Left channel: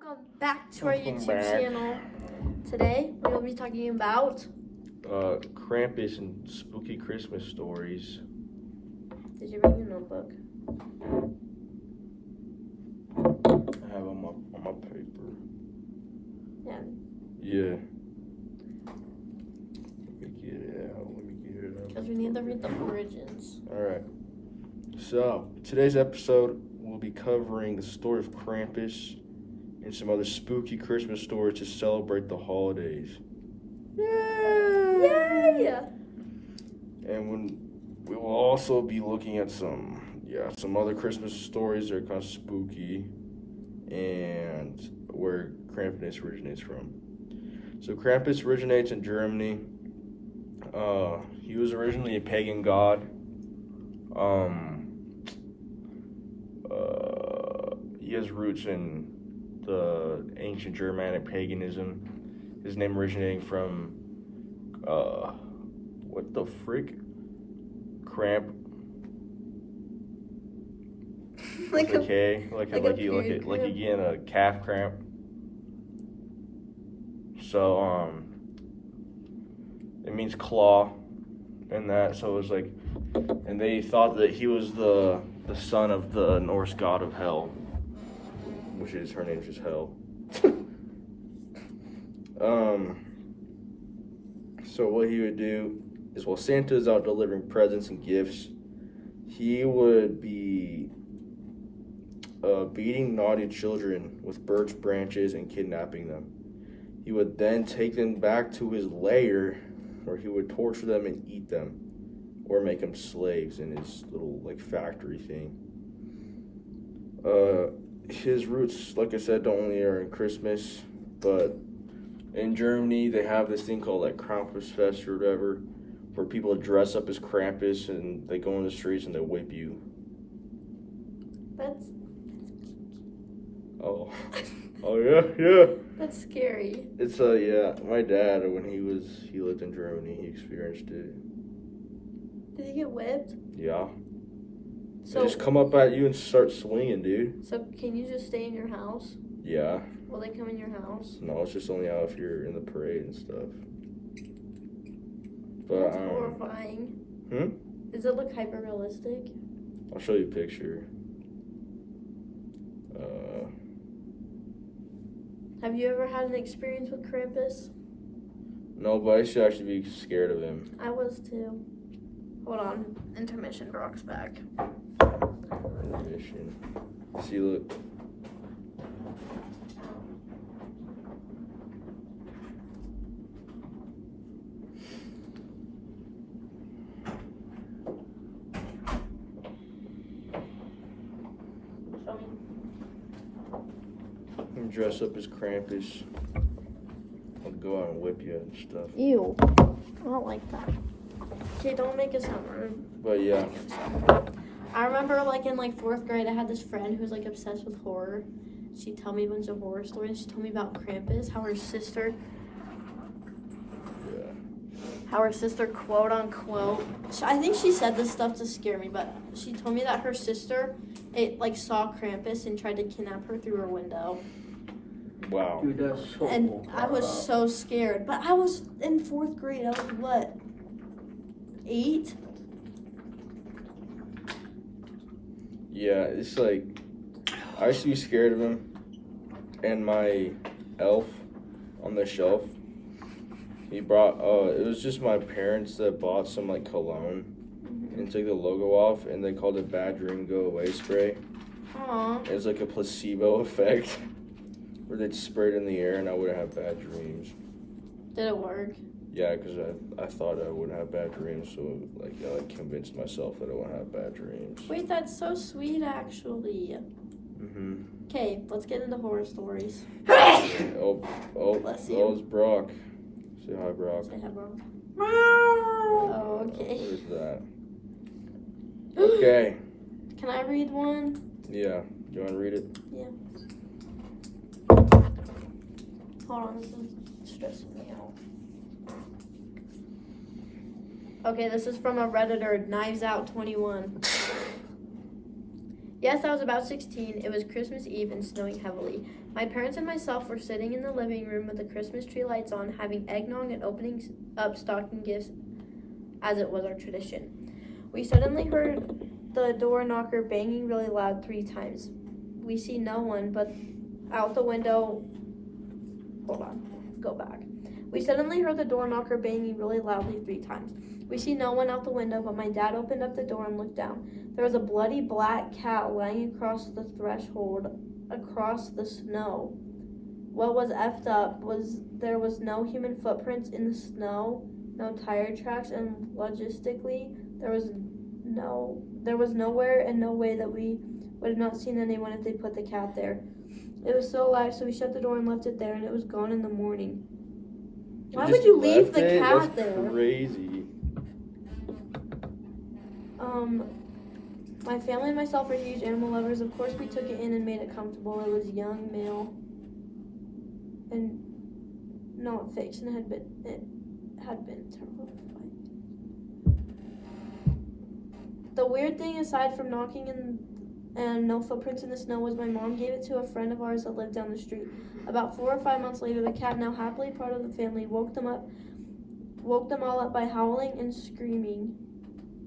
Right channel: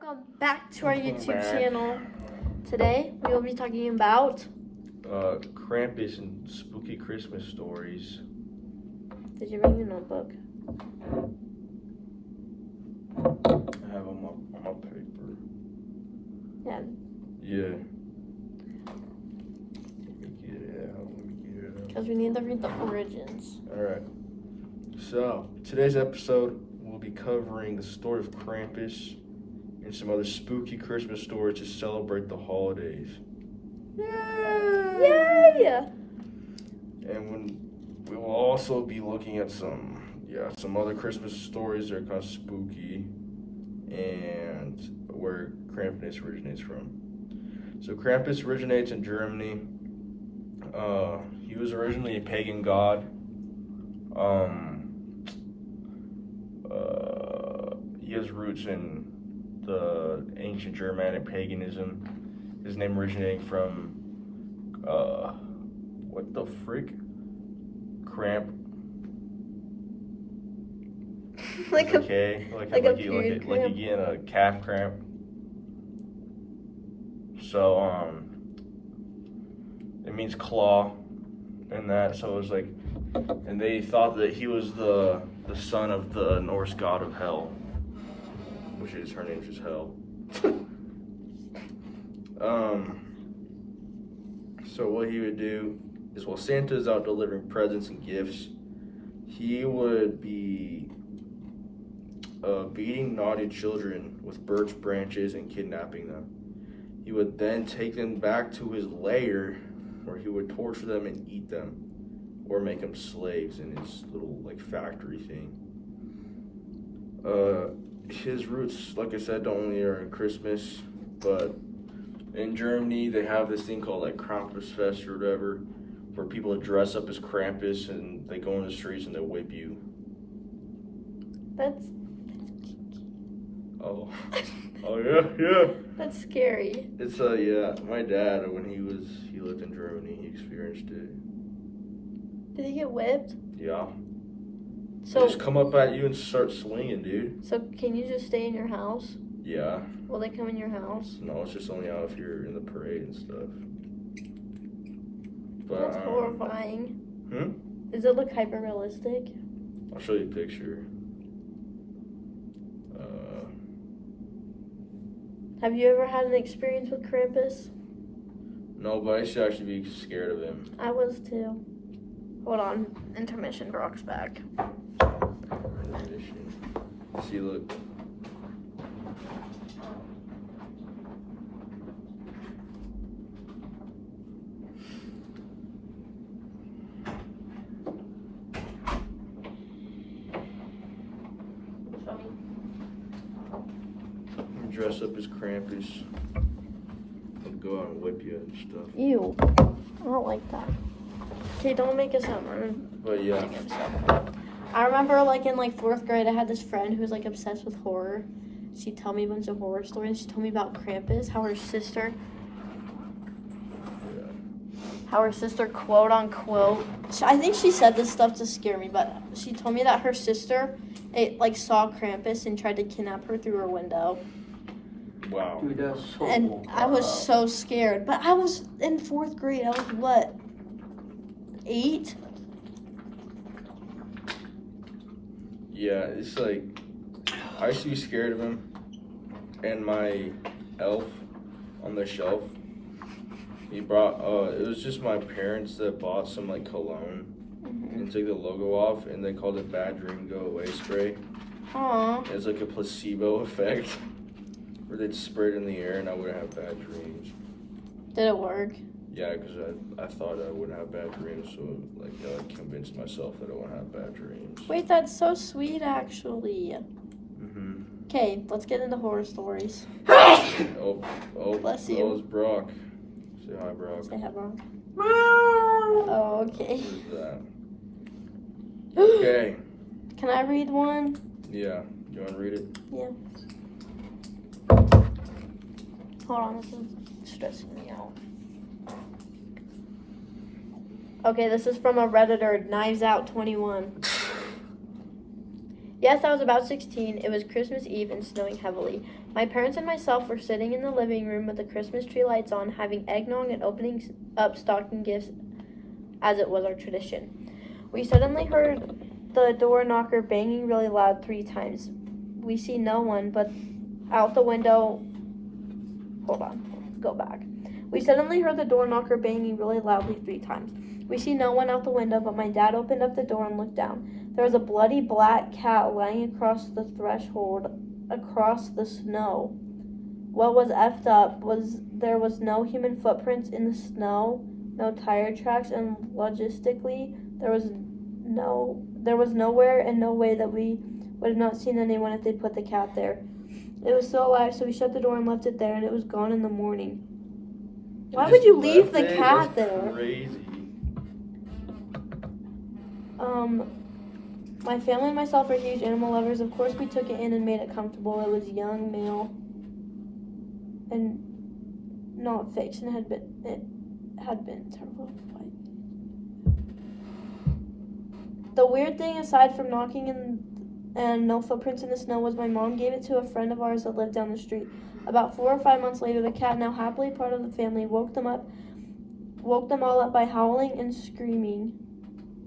Welcome back to our Welcome YouTube back. channel. Today we will be talking about Krampus and spooky Christmas stories. Did you bring your notebook? I have them on my paper. Yeah. Yeah. Let me get it out. Because we need to read the origins. Alright. So, today's episode we'll be covering the story of Krampus and some other spooky Christmas stories to celebrate the holidays. Yay! And we will also be looking at some other Christmas stories that are kind of spooky and where Krampus originates from. So Krampus originates in Germany. He was originally a pagan god. He has roots in the ancient Germanic paganism. His name originating from what the frick? Cramp. like It's okay. Like you get a calf cramp. So it means claw and that, so it was like, and they thought that he was the son of the Norse god of hell, which is, her name's just Hel. So what he would do is, while Santa's out delivering presents and gifts, he would be beating naughty children with birch branches and kidnapping them. He would then take them back to his lair, where he would torture them and eat them, or make them slaves in his little factory thing. His roots, like I said, don't only are in Christmas, but in Germany they have this thing called Krampus Fest or whatever, where people dress up as Krampus and they go in the streets and they whip you. That's Oh yeah. That's scary. It's my dad, when he lived in Germany, he experienced it. Did he get whipped? Yeah. So They just come up at you and start swinging, dude. So can you just stay in your house? Yeah. Will they come in your house? No, it's just only out if you're in the parade and stuff. But, That's horrifying. Does it look hyper realistic? I'll show you a picture. Have you ever had an experience with Krampus? No, but I used to actually be scared of him. I was too. Hold on. Intermission. Brock's back. See, look. Show me. I'm dressed up as Krampus and go out and whip you and stuff. Ew. I don't like that. Okay, don't make it sound rude. But yeah. I remember in 4th grade, I had this friend who was obsessed with horror. She'd tell me a bunch of horror stories. She told me about Krampus, how her sister, quote unquote, I think she said this stuff to scare me, but she told me that her sister saw Krampus and tried to kidnap her through her window. Wow. Dude, that's so And I was so scared. But I was in 4th grade. I was what? 8? Yeah, it's I used to be scared of him, and my elf on the shelf, he brought, it was just my parents that bought some cologne and took the logo off, and they called it Bad Dream Go Away spray. Aww. It's a placebo effect, where they'd spray it in the air and I wouldn't have bad dreams. Did it work? Yeah, because I thought I wouldn't have bad dreams, so I convinced myself that I wouldn't have bad dreams. Wait, that's so sweet, actually. Mm-hmm. Okay, let's get into horror stories. Oh, Bless you. Oh, it's Brock. Say hi, Brock. Say hi, Brock. Oh, okay. Who's that? Okay. Can I read one? Yeah. You want to read it? Yeah. Hold on, this is stressing me out. Okay, this is from a Redditor, Knives Out 21. Yes, I was about 16. It was Christmas Eve and snowing heavily. My parents and myself were sitting in the living room with the Christmas tree lights on, having eggnog and opening up stocking gifts as it was our tradition. We suddenly heard the door knocker banging really loud 3 times. We see no one, but out the window... Hold on, go back. We suddenly heard the door knocker banging really loudly 3 times. We see no one out the window, but my dad opened up the door and looked down. There was a bloody black cat lying across the threshold, across the snow. What was effed up was there was no human footprints in the snow, no tire tracks, and logistically, there was nowhere and no way that we would have not seen anyone if they'd put the cat there. It was still alive, so we shut the door and left it there, and it was gone in the morning. Why would you leave the cat there? Crazy. My family and myself are huge animal lovers. Of course, we took it in and made it comfortable. It was young, male, and not fixed, and it had been terrible. The weird thing, aside from knocking and no footprints in the snow, was my mom gave it to a friend of ours that lived down the street. About 4 or 5 months later, the cat, now happily part of the family, woke them all up by howling and screaming,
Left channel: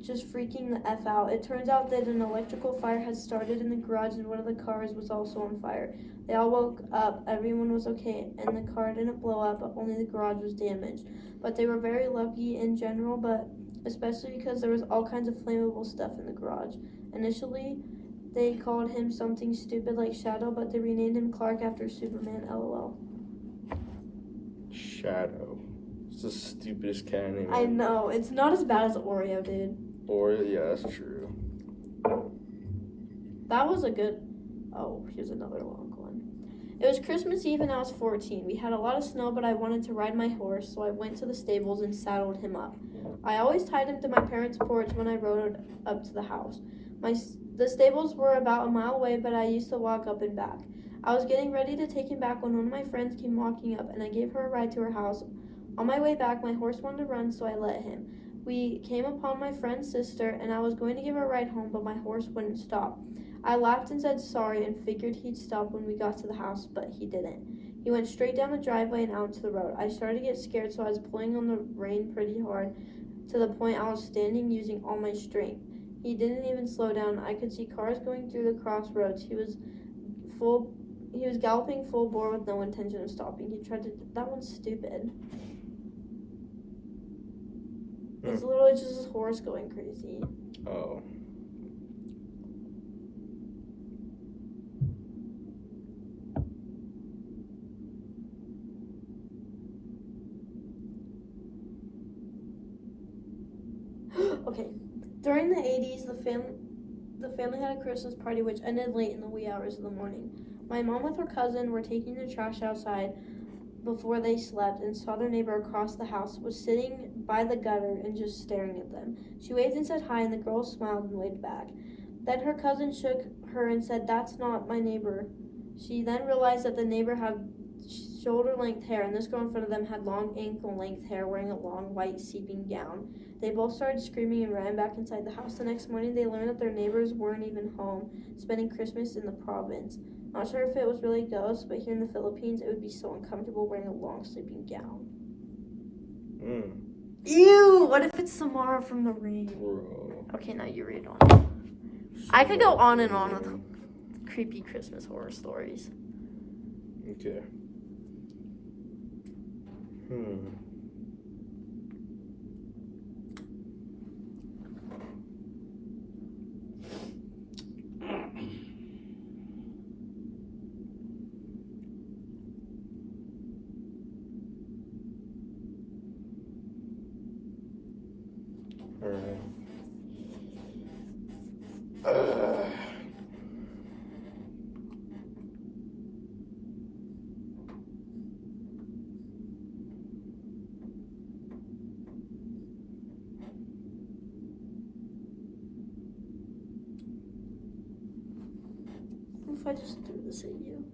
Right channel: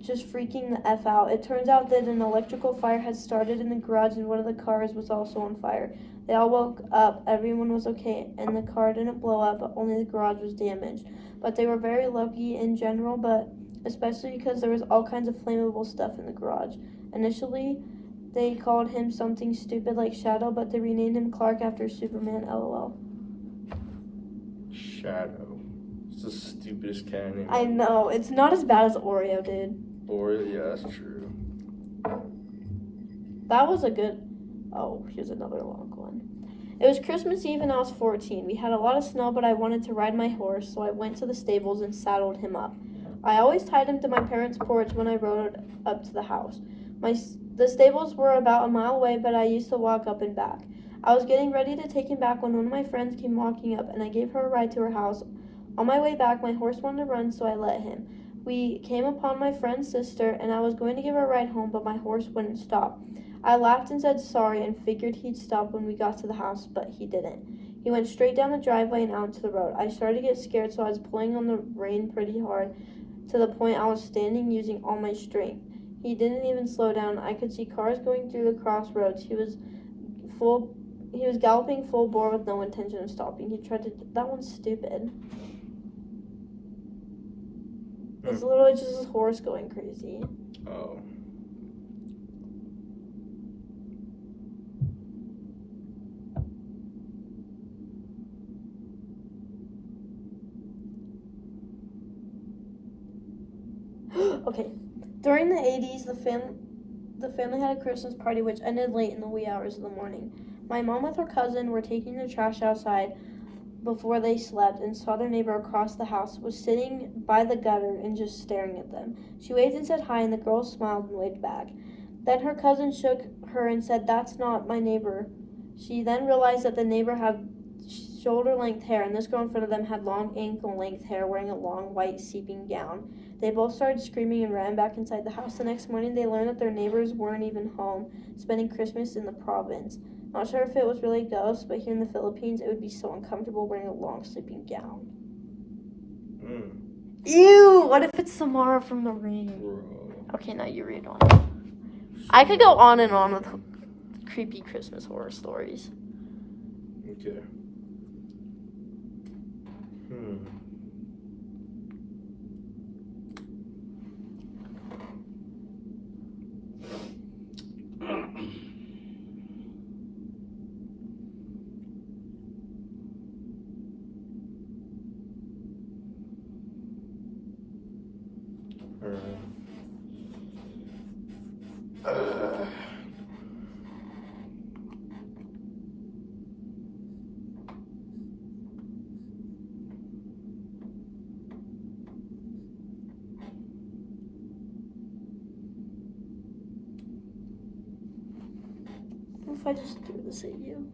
just freaking the F out. It turns out that an electrical fire had started in the garage and one of the cars was also on fire. They all woke up, everyone was okay, and the car didn't blow up, but only the garage was damaged. But they were very lucky in general, but especially because there was all kinds of flammable stuff in the garage. Initially, they called him something stupid like Shadow, but they renamed him Clark after Superman, LOL. Shadow. It's the stupidest cat name. I know. It's not as bad as Oreo, dude. Oreo, yeah, that's true. That was a good... Oh, here's another long one. It was Christmas Eve and I was 14. We had a lot of snow, but I wanted to ride my horse, so I went to the stables and saddled him up. I always tied him to my parents' porch when I rode up to the house. The stables were about a mile away, but I used to walk up and back. I was getting ready to take him back when one of my friends came walking up, and I gave her a ride to her house. On my way back, my horse wanted to run, so I let him. We came upon my friend's sister, and I was going to give her a ride home, but my horse wouldn't stop. I laughed and said sorry and figured he'd stop when we got to the house, but he didn't. He went straight down the driveway and out to the road. I started to get scared, so I was pulling on the rein pretty hard to the point I was standing using all my strength. He didn't even slow down. I could see cars going through the crossroads. He was galloping full bore with no intention of stopping. That one's stupid. It's literally just his horse going crazy. Oh. Okay. During the 80s, the family had a Christmas party which ended late in the wee hours of the morning. My mom with her cousin were taking the trash outside before they slept and saw their neighbor across the house was sitting by the gutter and just staring at them. She waved and said hi, and the girl smiled and waved back. Then her cousin shook her and said, "That's not my neighbor." She then realized that the neighbor had shoulder-length hair, and this girl in front of them had long ankle-length hair, wearing a long white seeping gown. They both started screaming and ran back inside the house. The next morning, they learned that their neighbors weren't even home, spending Christmas in the province. Not sure if it was really ghosts, but here in the Philippines, it would be so uncomfortable wearing a long sleeping gown. Ew! What if it's Samara from The Ring? Bro. Okay, now you read on. I could go on and on with creepy Christmas horror stories. Okay. What if I just threw this at you?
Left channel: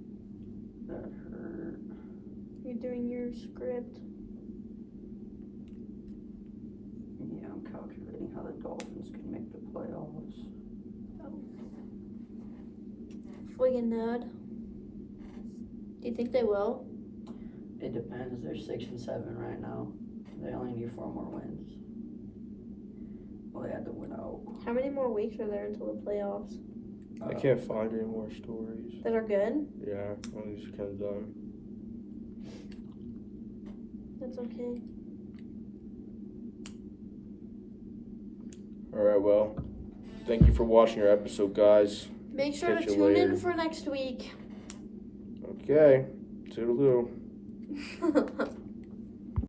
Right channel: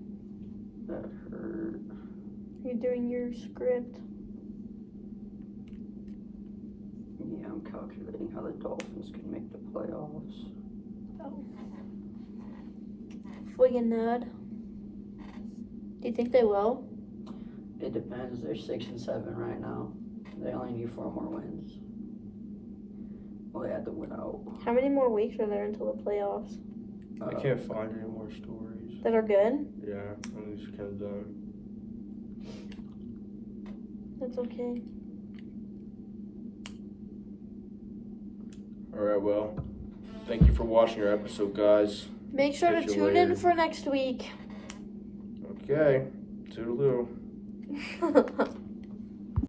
That hurt. You're doing your script. Yeah, I'm calculating how the Dolphins can make the playoffs. Oh. Friggin' nerd. Do you think they will? It depends. They're 6 and 7 right now. They only need 4 more wins. Well, they had to win out. How many more weeks are there until the playoffs? I can't find any more stories. That are good? Yeah, I'm just kind of done. That's okay. Alright, well, thank you for watching our episode, guys. Make sure Catch to you tune in later. for next week. Okay, toodaloo.